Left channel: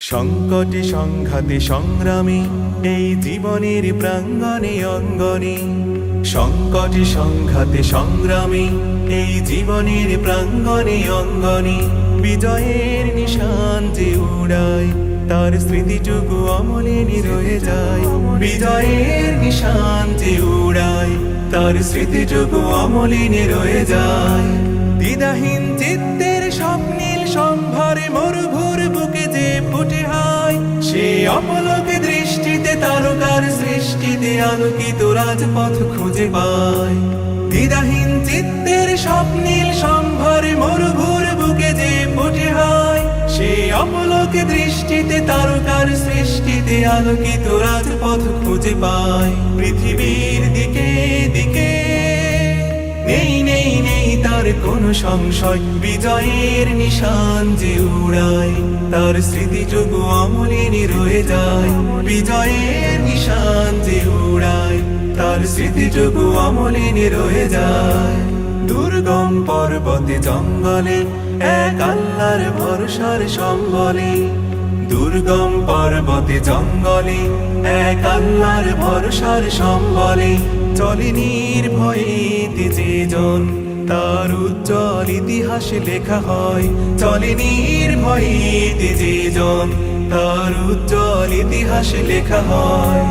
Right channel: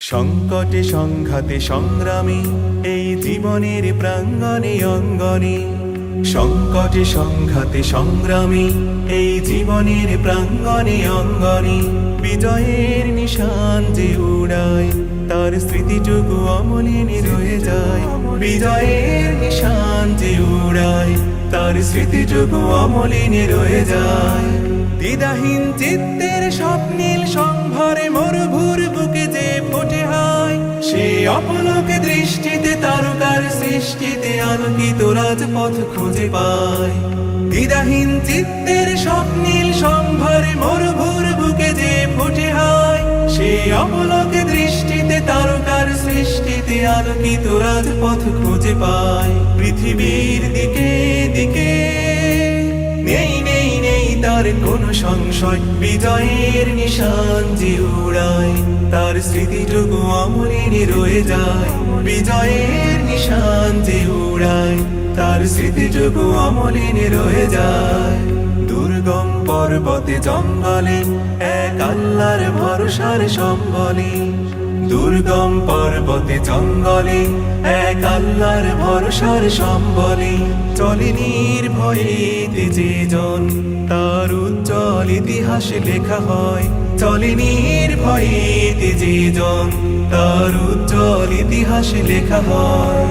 সংকটে সংঘাতে সংগ্রামে এই জীবনের প্রাঙ্গণে অঙ্গনে, সংকটে সংঘাতে সংগ্রামে এই জীবনের প্রাঙ্গণে অঙ্গনে, বিজয়ের নিশান যে উড়ায় তার স্মৃতিটুকু অমলিনী রয়ে যায়। বিজয়ের নিশান যে উড়ায় তার স্মৃতিটুকু অমলিনী রয়ে যায়। দ্বিধাহীন চিত্তের স্বপ্নীল সম্ভারে মরুভুর বুকে যে ফুটে হয়, সে অপলকে দৃষ্টিতে তারকার সৃষ্টিতে আলোকিত রাজপথ খুঁজে পায়। দ্বিধাহীন চিত্তের স্বপ্নীল সম্ভারে মরুভুর বুকে যে ফুটে হয়, সে অপলকে দৃষ্টিতে তারকার সৃষ্টিতে আলোকিত রাজপথ খুঁজে পায়। পৃথিবীর দিকে দিকে নেই নেই নেই তার কোনো সংশয়, বিজয়ের নিশান যে উড়ায় তার স্মৃতিটুকু অমলিনী রয়ে যায়। বিজয়ের নিশান যে উড়ায় তার স্মৃতিটুকু অমলিনী রয়ে যায়। দুর্গম পর্বতে জঙ্গলে এক আল্লাহর ভরসার সম্বলে, দুর্গম পর্বতে জঙ্গলে এক আল্লাহর ভরসার সম্বলে, চলে নির্ভয়ে যে জন তার উজ্জ্বল ইতিহাস লেখা হয়। চলে নির্ভয়ে যে জন তার উজ্জ্বল ইতিহাস লেখা হয়।